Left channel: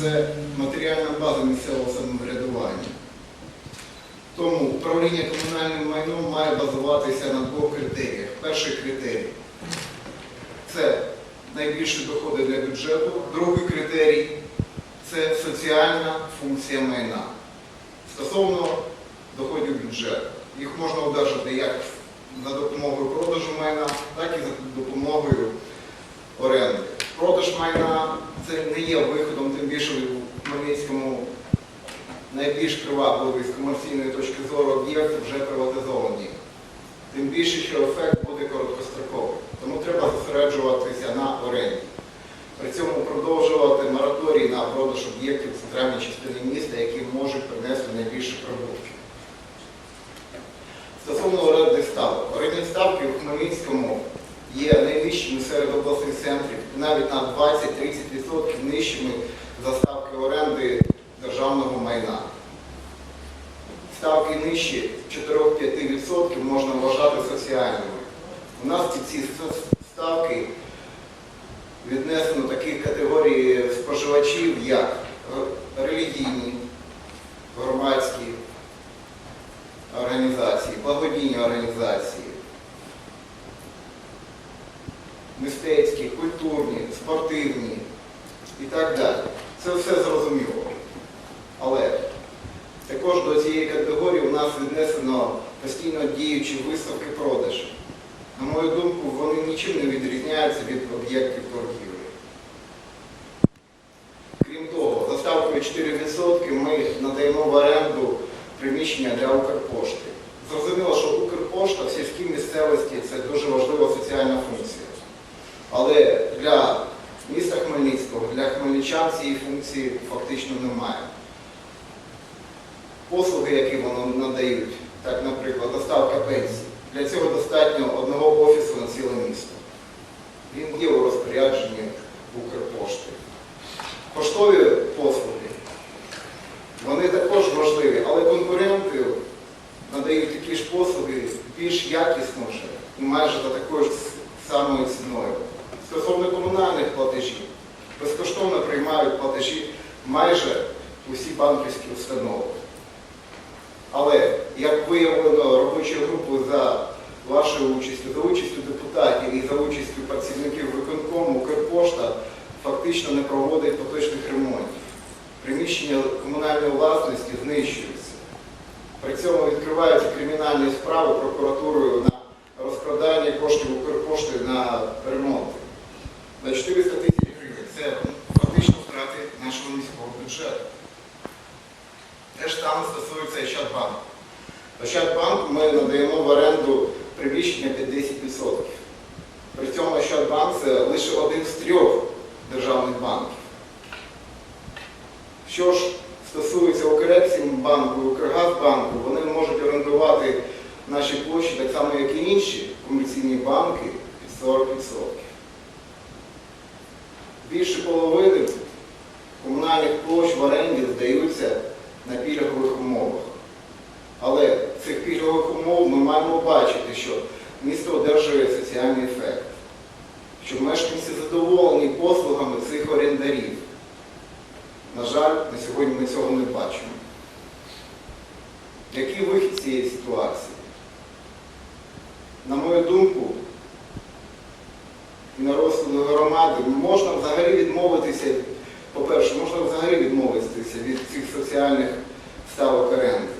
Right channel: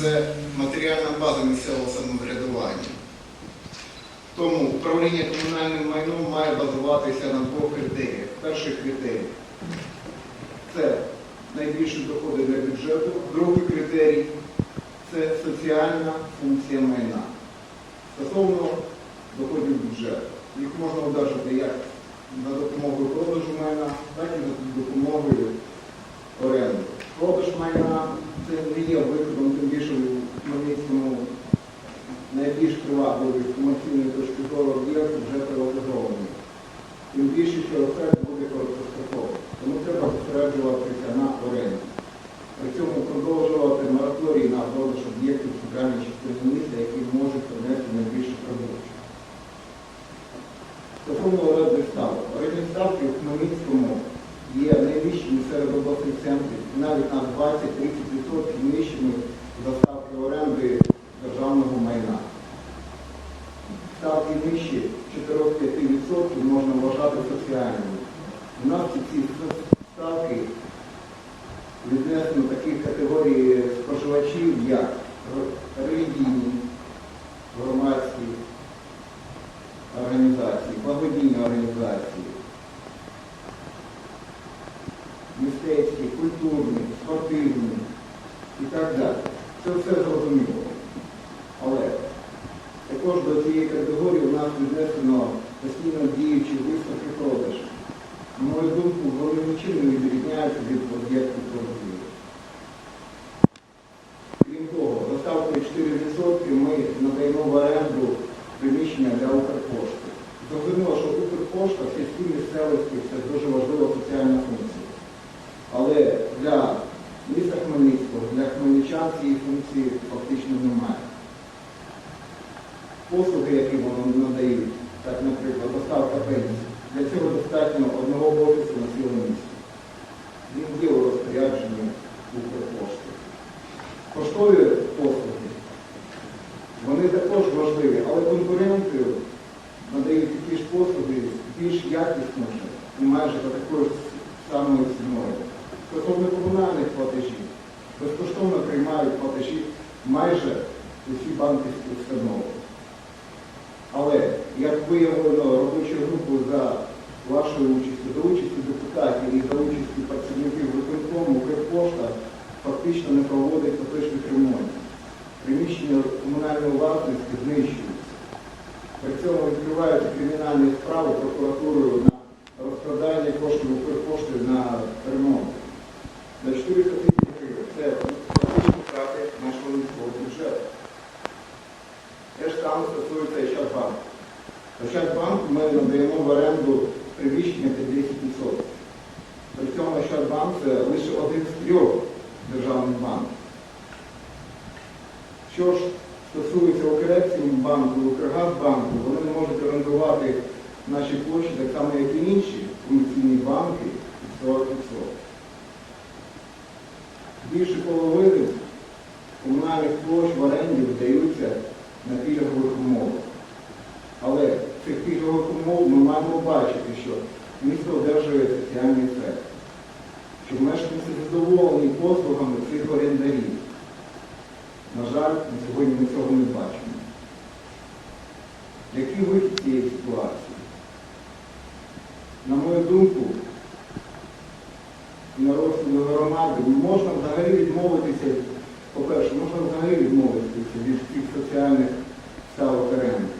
це матеріальна база місцевого самоврядування. Тому управління комунальним майном має базуватися на двох критеріях. Перший критерій це найбільші доходи для бюджету. Другий критерій це соціальна функція майна. Стосовно доходів бюджету. Їх можна одержати як за допомогою продажу майна, так і за допомогою оренди. Продаж майна це не є виходом, тим більше в Хмельницькому найбільш привабливий з комерційної точки зору об'єкт вже приватизований. Тим більше, що ефект буде короткостроковий. Тому треба зосереджуватися на оренді. При цьому продовжувати мораторій на продаж об'єктів в центральній частині міста, які можуть принести найбільше прибутків. Стосовно орендних ставок. Орендні ставки в Хмельницькому є найнижчими серед обласних центрів, навіть на 20-30% нижчими за ставки оренди державного майна. Ставки нижчі 4-5% можна вважати соціальними. У нас ці ставки віднесено таких категорій споживачів, як релігійні, громадські організації, благодійні організації, мистецькі, культурні, спортивні і так далі. Це все зрозуміло. Але також до цієї категорії у нас віднесено постійно діючі виставки продажу. На мою думку, вони нічим не відрізняються від об'єктів торгівлі. Крім того, за ставкою 4% ми надаємо в оренду приміщення для Укрпошти. Зрозуміло, що Укрпошта в сільській місцевості це дуже важлива соціальна функція. Але для міста Хмельницького, для хмельничан цієї функції фактично немає. Послуги, які вони надають, так, наприклад, доставка пенсій, для цього достатньо одного офісу на ціле місто. Він є у розпорядженні Укрпошти. Поштові послуги, вони також важливі, але конкуренти надають такі ж послуги більш якісно майже за такою самою ціною. Стосовно комунальних платежів, безкоштовно приймають платежі майже усі банківські установи. Але, як виявила робоча група за вашою участю, за участю депутатів і за участю працівників виконкому, Укрпошта фактично не проводить поточних ремонтів. Приміщення комунальної власності знищуються. При цьому відкриваються кримінальні справи прокуратурою на розкрадання коштів Укрпошти на ремонт. На 400 тисяч гривень. Це фактично втрати нашого міського бюджету. Те ж саме стосується Ощадбанку. Ощадбанку ми надаємо в оренду приміщення під 10%. При цьому Ощадбанк це лише один з трьох державних банків. Що ж стосується Укрексімбанку Укргазбанку, вони можуть орендувати наші площі так само, як і інші комерційні банки під 40%. Більше половини комунальних площ в оренді здаються на пільгових умовах. Але цих пільгових умов ми маємо бачити, що місто одержує соціальний ефект, що мешканці задоволені послугами цих орендарів. На жаль, на сьогодні ми цього не бачимо. Який вихід цієї ситуації? На мою думку, на розсуду громади. Можна взагалі відмовитися, по-перше, можна взагалі відмовитися від цих соціальних ставок оренди.